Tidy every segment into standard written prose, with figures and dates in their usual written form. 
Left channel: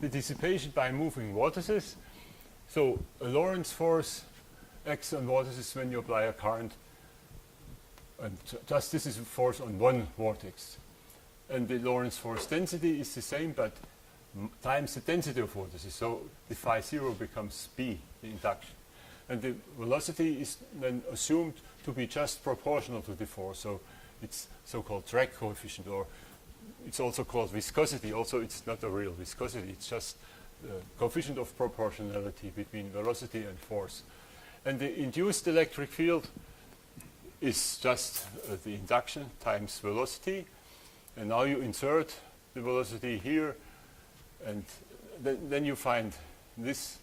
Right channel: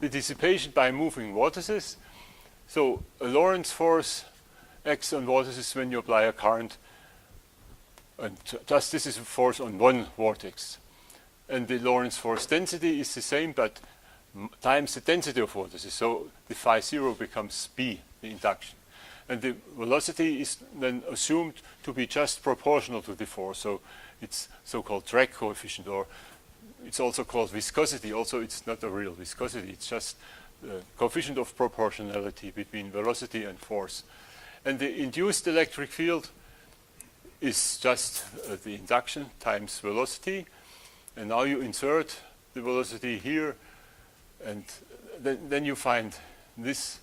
the dissipation by moving vortices. So a Lorentz force acts on vortices when you apply a current, and just this is a force on one vortex. And the Lorentz force density is the same, but times the density of vortices. So the phi 0 becomes B, the induction. And the velocity is then assumed to be just proportional to the force. So it's so-called drag coefficient, or it's also called viscosity. Also, it's not a real viscosity. It's just the coefficient of proportionality between velocity and force. And the induced electric field is just the induction times velocity. And now you insert the velocity here, and then you find this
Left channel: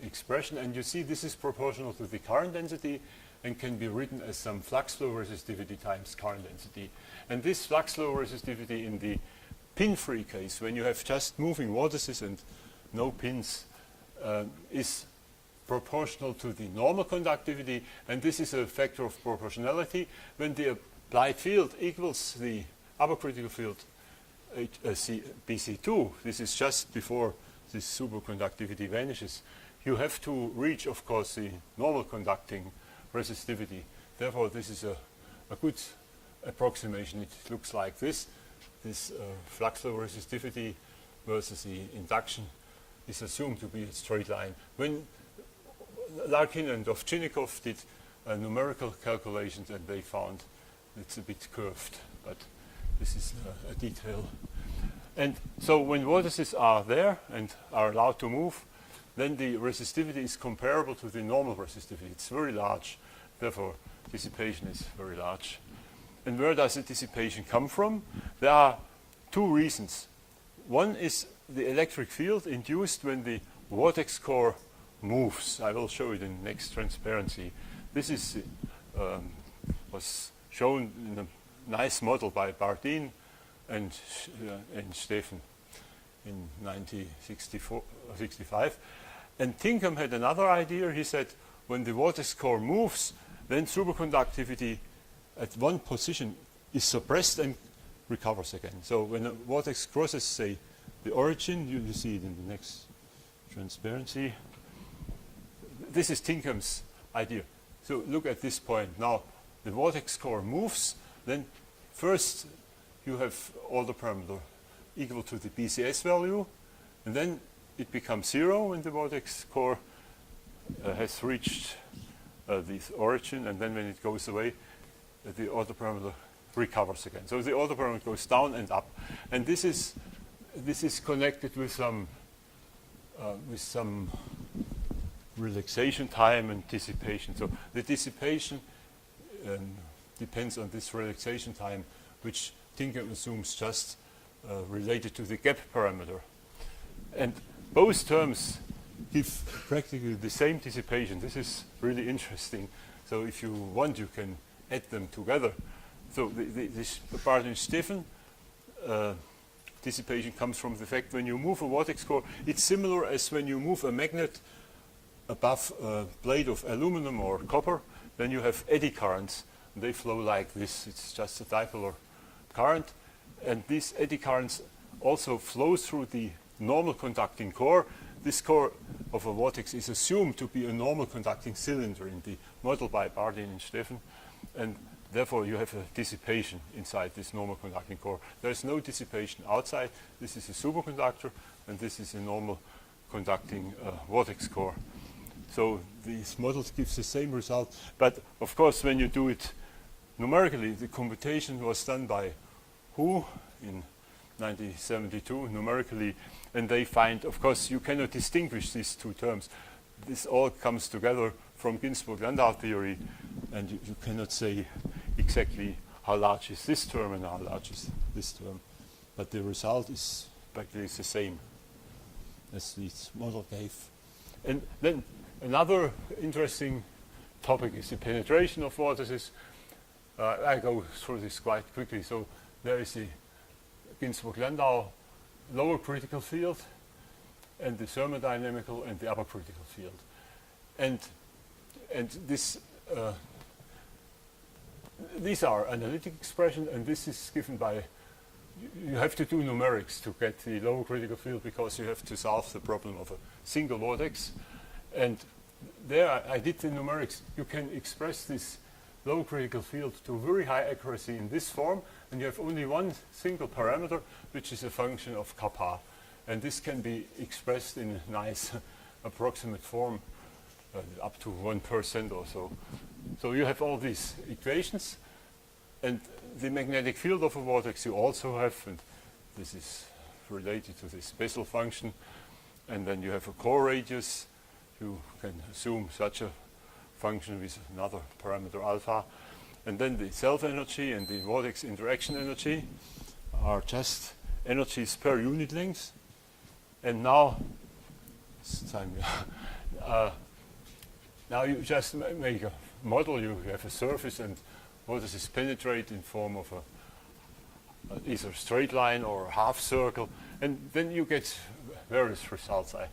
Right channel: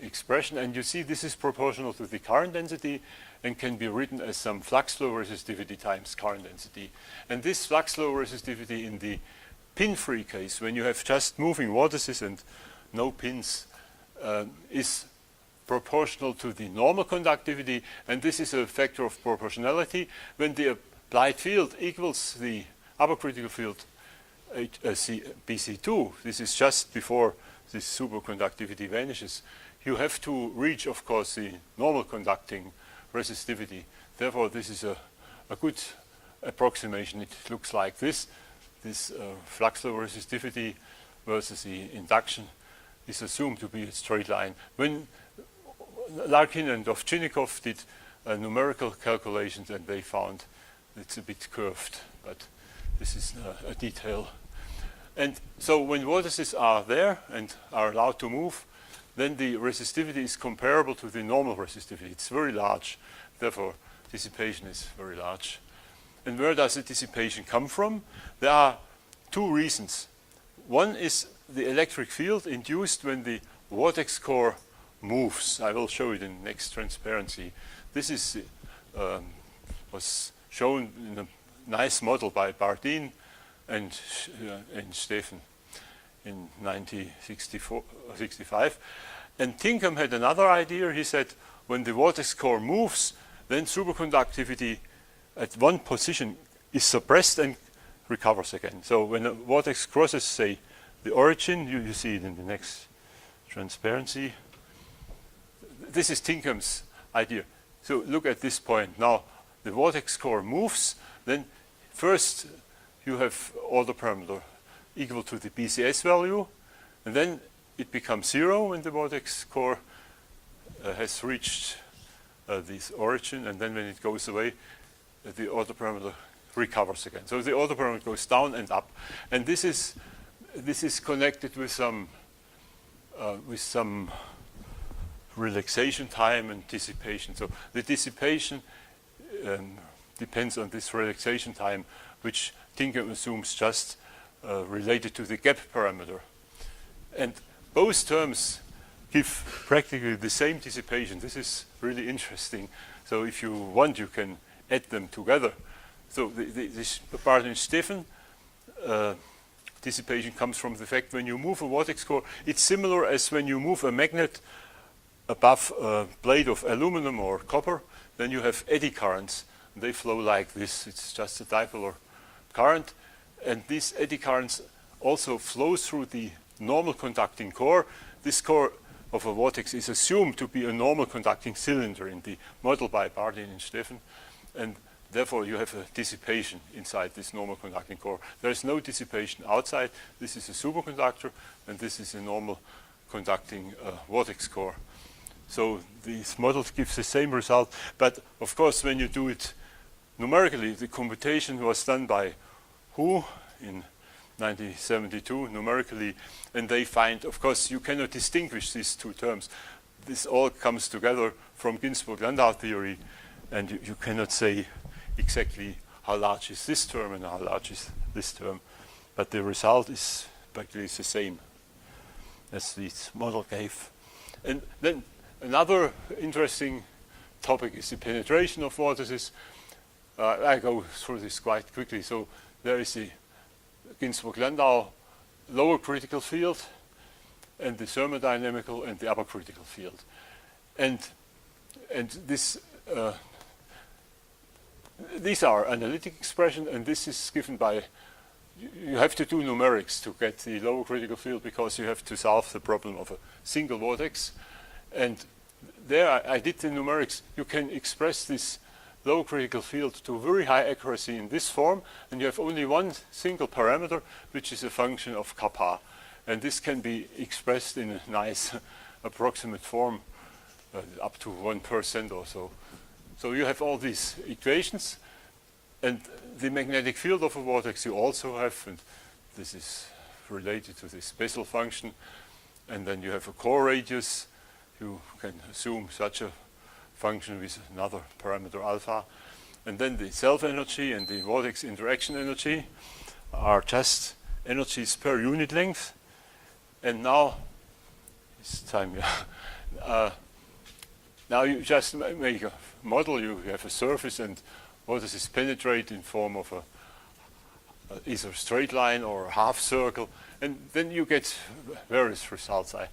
expression, and you see this is proportional to the current density and can be written as some flux flow resistivity times current density. And this flux flow resistivity in the pin-free case, when you have just moving vortices and no pins, is proportional to the normal conductivity, and this is a factor of proportionality. When the applied field equals the upper critical field BC2, this is just before this superconductivity vanishes, you have to reach, of course, the normal conducting resistivity. Therefore, this is a good approximation. It looks like this. This flux flow resistivity versus the induction is assumed to be a straight line. When Larkin and Ovchinnikov did numerical calculations, and they found it's a bit curved, but this is a detail. And so when vortices are there and are allowed to move, then the resistivity is comparable to the normal resistivity. It's very large, therefore dissipation is very large. And where does the dissipation come from? There are two reasons. One is the electric field induced when the vortex core moves. I will show it in next transparency. This is was shown in a nice model by Bardeen and Steffen in 1965. And Tinkham had another idea. He said when the vortex core moves, then superconductivity at one position is suppressed and recovers again. So when a vortex crosses, say, the origin, you see it in the next transparency. This is Tinkham's idea. So look at this point. Now the vortex core moves, then first you have order parameter equal to the BCS value, and then it becomes 0 when the vortex core has reached this origin, and then when it goes away, the order parameter recovers again. So the order parameter goes down and up, and this is connected with some relaxation time and dissipation. So the dissipation depends on this relaxation time, which Tinkham assumes just related to the gap parameter. And both terms give practically the same dissipation. This is really interesting. So if you want, you can add them together. So this Bardeen-Steffen dissipation comes from the fact when you move a vortex core, it's similar as when you move a magnet above a blade of aluminum or copper, then you have eddy currents. And they flow like this. It's just a dipolar current. And these eddy currents also flow through the normal conducting core. This core of a vortex is assumed to be a normal conducting cylinder in the model by Bardeen and Steffen. And therefore, you have a dissipation inside this normal conducting core. There is no dissipation outside. This is a superconductor, and this is a normal conducting vortex core. So these models give the same result. But of course, when you do it numerically, the computation was done by Hu in 1972 numerically, and they find, of course, you cannot distinguish these two terms. This all comes together from Ginzburg-Landau theory, and you cannot say exactly how large is this term and how large is this term. But the result is practically the same as this model gave. And then another interesting topic is the penetration of vortices. I go through this quite quickly. So there is the Ginzburg-Landau lower critical field and the thermodynamical and the upper critical field. And this these are analytic expressions, and this is given by you have to do numerics to get the lower critical field, because you have to solve the problem of a single vortex. And there I did the numerics. You can express this low critical field to very high accuracy in this form, and you have only one single parameter, which is a function of kappa. And this can be expressed in a nice approximate form, up to 1% or so. So you have all these equations, and the magnetic field of a vortex you also have, and this is related to this Bessel function. And then you have a core radius. You can assume such a function with another parameter alpha. And then the self-energy and the vortex interaction energy are just energies per unit length. And now, it's time, yeah. Now you just make a model. You have a surface, and vortices penetrate in form of either straight line or half circle, and then you get various results. I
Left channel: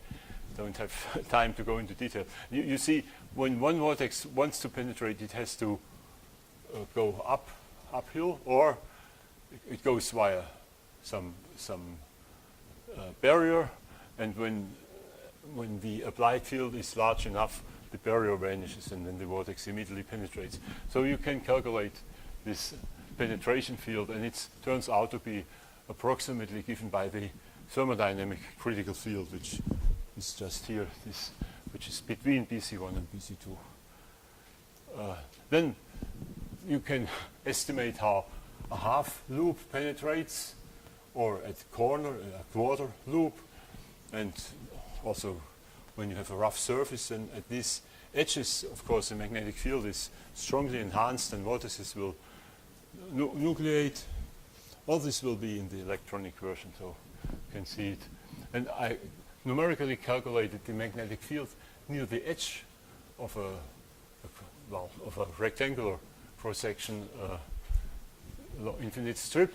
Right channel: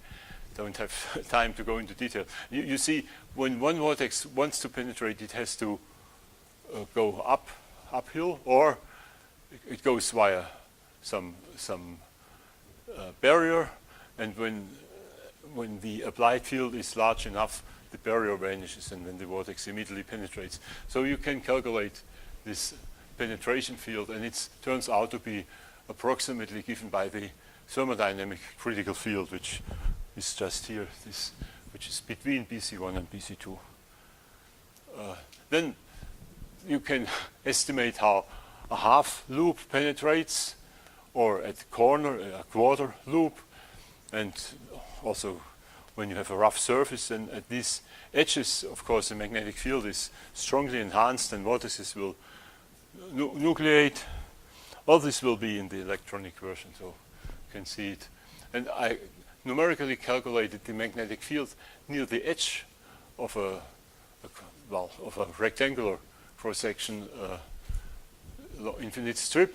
don't have time to go into detail. You see, when one vortex wants to penetrate, it has to go uphill, or it goes via some barrier, and when the applied field is large enough, the barrier vanishes, and then the vortex immediately penetrates. So you can calculate this penetration field, and it turns out to be approximately given by the thermodynamic critical field, which is just here, this, which is between BC1 and BC2. Then you can estimate how a half loop penetrates, or at the corner, a quarter loop, and also when you have a rough surface, and at these edges, of course, the magnetic field is strongly enhanced, and vortices will nucleate. All this will be in the electronic version, so you can see it. And I numerically calculated the magnetic field near the edge of a rectangular cross-section infinite strip.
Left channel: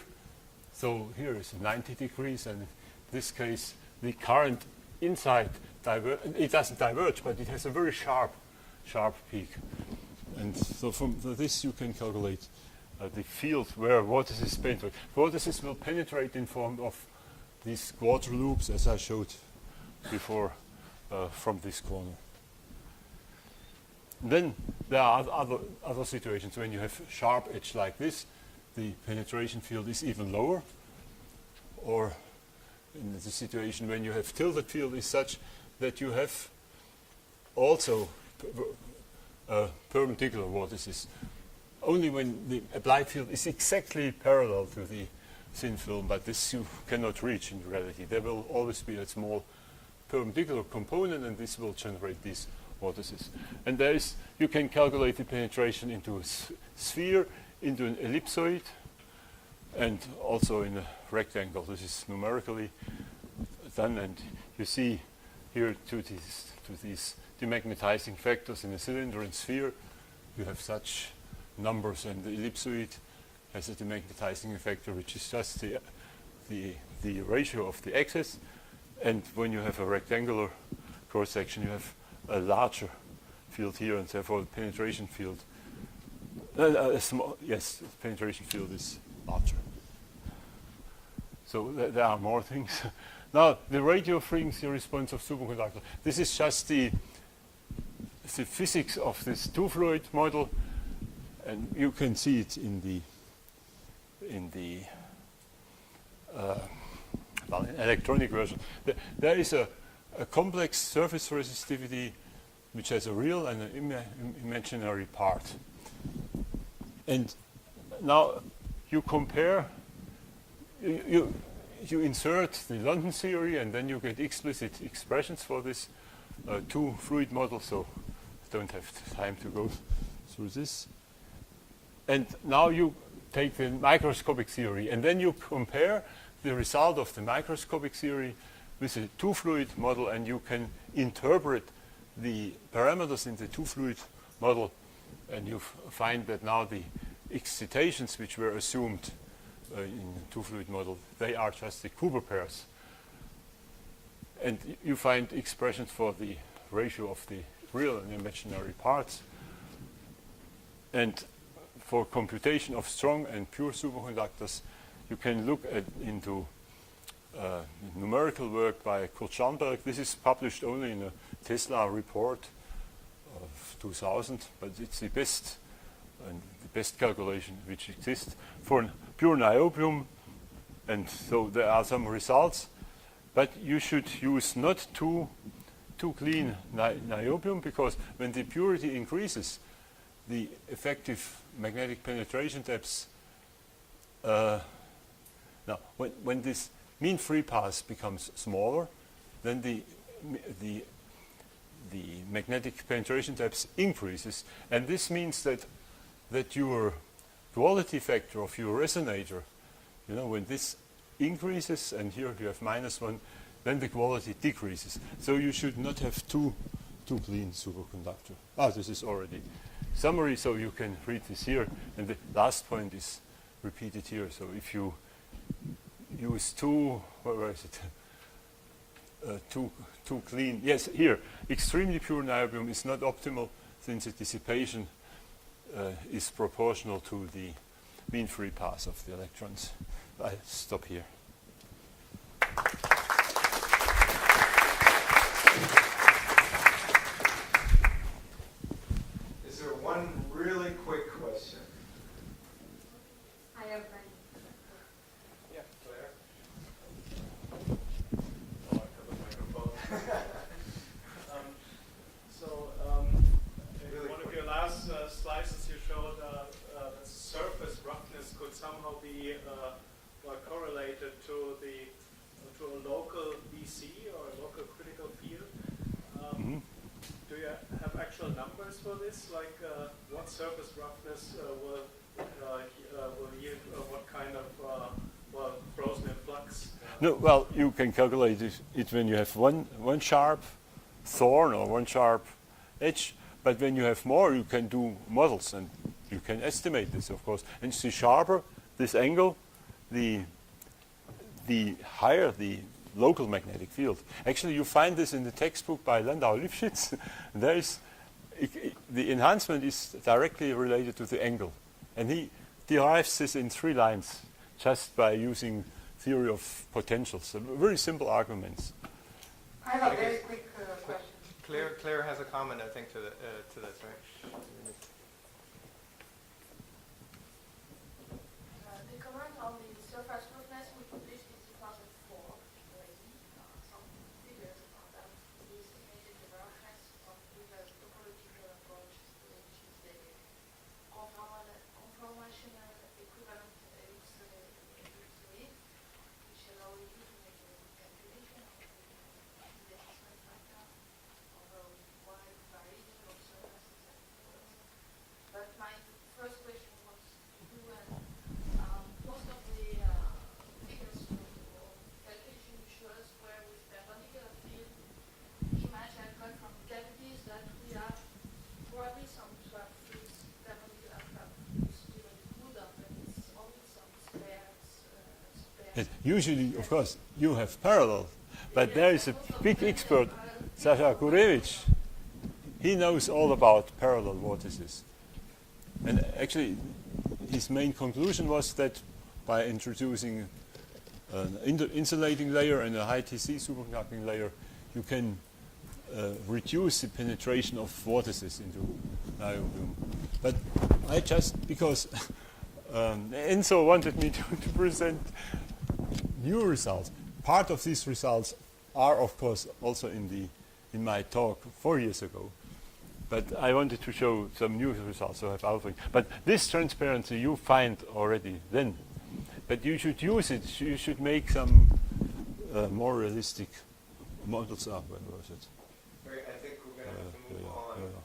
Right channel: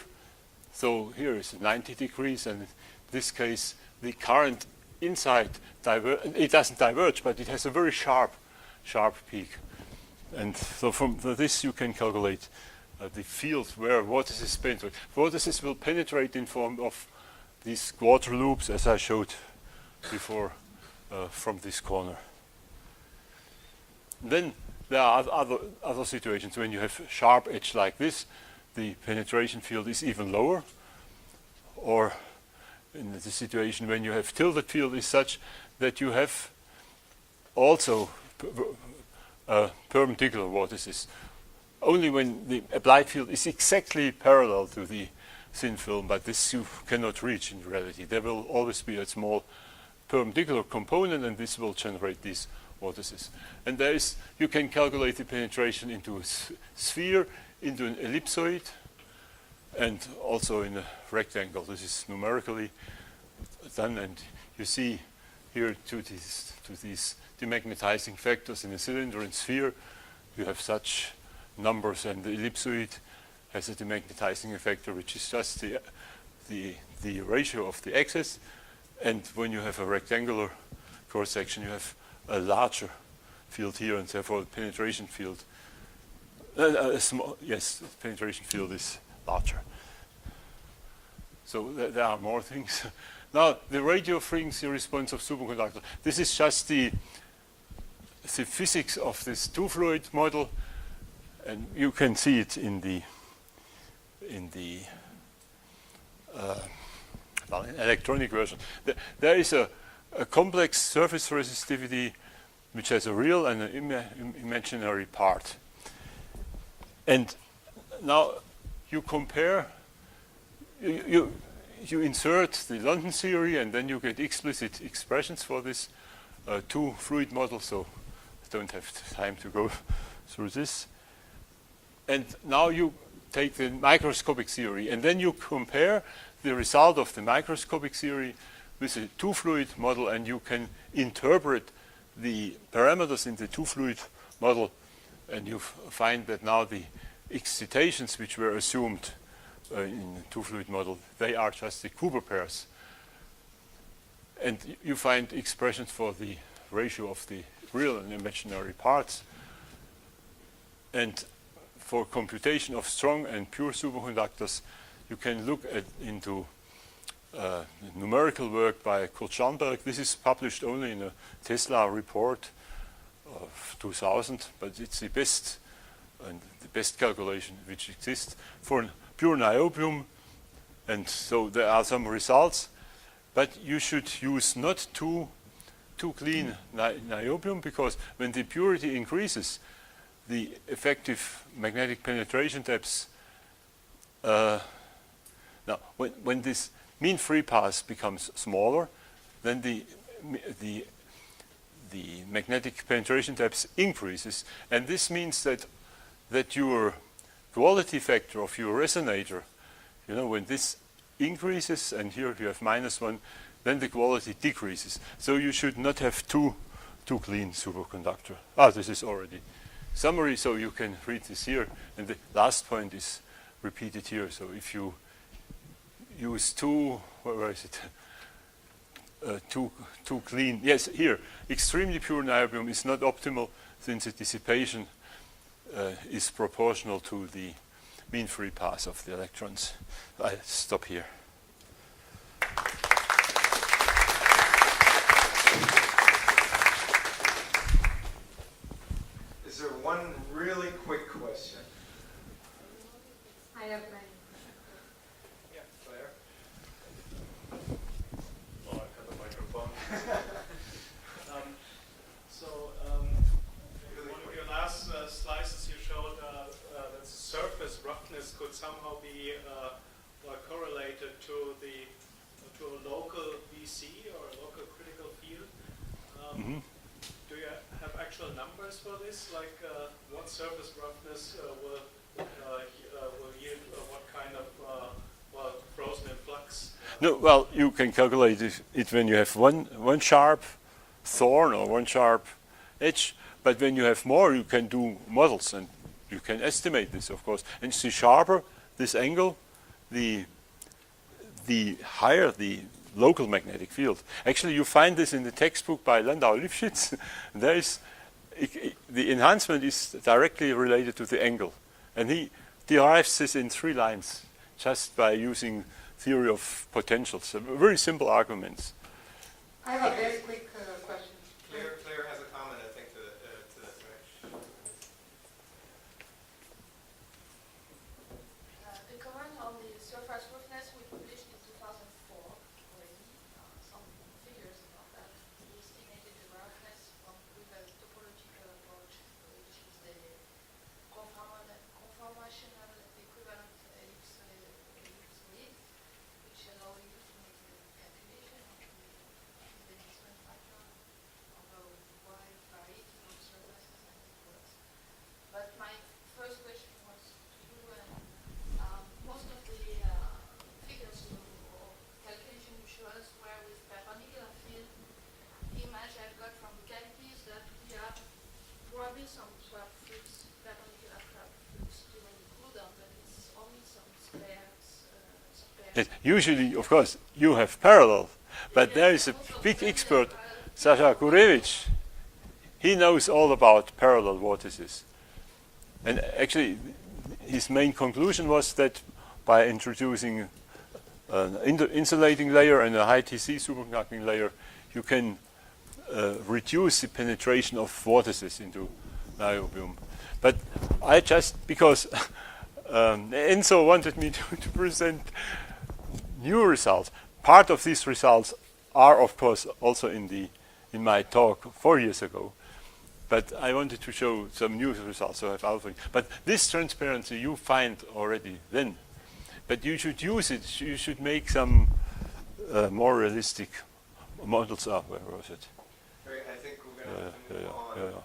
So here is 90 degrees, and in this case, the current inside it doesn't diverge, but it has a very sharp peak. And so from this you can calculate the field where vortices penetrate. Vortices will penetrate in form of these quarter loops, as I showed before, from this corner. Then there are other situations when you have sharp edge like this, the penetration field is even lower, or in the situation when you have tilted field is such that you have also perpendicular vortices. Only when the applied field is exactly parallel to the thin film, but this you cannot reach in reality. There will always be a small perpendicular component, and this will generate these vortices. And there is, you can calculate the penetration into a sphere, into an ellipsoid, and also in a rectangle. This is numerically done, and you see here to these demagnetizing factors in a cylinder and sphere, you have such numbers, and the ellipsoid has a demagnetizing factor, which is just the ratio of the axis. And when you have a rectangular cross section, you have a larger field here, and therefore the penetration field, the penetration field is larger. So there are more things. Now, the radio frequency response of superconductor. This is just the physics of this two-fluid model, and you can see it in the electronic version. There is a complex surface resistivity which has a real and an imaginary part. And now you compare, you insert the London theory, and then you get explicit expressions for this two-fluid model, so I don't have time to go through this. And now you take the microscopic theory, and then you compare the result of the microscopic theory with a two-fluid model, and you can interpret the parameters in the two-fluid model, and you find that now the excitations which were assumed in the two-fluid model, they are just the Cooper pairs. And you find expressions for the ratio of the real and imaginary parts. And for computation of strong and pure superconductors, you can look into numerical work by Kurt Scharnberg. This is published only in a Tesla report of 2000, but it's the best calculation which exists for pure niobium, and so there are some results. But you should use not too clean niobium, because when the purity increases, the effective magnetic penetration depths. Now, when this mean free path becomes smaller, then the magnetic penetration depth increases, and this means that your quality factor of your resonator, when this increases, and here you have -1, then the quality decreases. So you should not have too clean superconductor. This is already summary, so you can read this here, and the last point is repeated here. So if you use too clean, yes, here, extremely pure niobium is not optimal, since the dissipation is proportional to the mean free path of the electrons. I stop here. Is there one really quick question? I have many. Yeah, Claire. Oh, I got the microphone. In one of your last slices, you showed that surface roughness could somehow be correlated to a local VC or a local critical field. Do you have actual numbers for this? Like what surface roughness will yield what kind of frozen in flux? No, well, you can calculate it when you have one sharp thorn or one sharp edge, but when you have more, you can do models, and you can estimate this, of course. And the sharper this angle, the higher the local magnetic field. Actually, you find this in the textbook by Landau-Lifshitz. There is the enhancement is directly related to the angle, and he derives this in 3 lines just by using theory of potentials. Very simple arguments. I have a very quick question. Claire has a comment, I think, to this, right? The comment on the surface roughness we published in 2004 already. Some figures about that. We estimated the roughness with a topological approach, which is the conformational equivalent ellipsoid, which allow you to make a calculation of the enhancement factor of a wide variety of surfaces and works. But my first question was to do most of the figures or calculation you showed us were with perpendicular field. The image I got from the cavity is that we have probably some swap flux, perpendicular swap flux to the good, but it's only some spares. Usually, of course, you have parallel, but there is a big expert, Sasha Gurevich. He knows all about parallel vortices. And actually, his main conclusion was that by introducing an insulating layer and a high TC superconducting layer, you can reduce the penetration of vortices into niobium. But I just, because Enzo wanted me to present new results. Part of these results are, of course, also in my talk 4 years ago. But I wanted to show some new results, so I have alpha. But this transparency you find already then. But you should use it. You should make some more realistic models. Where was it? I think we're going to have to move on.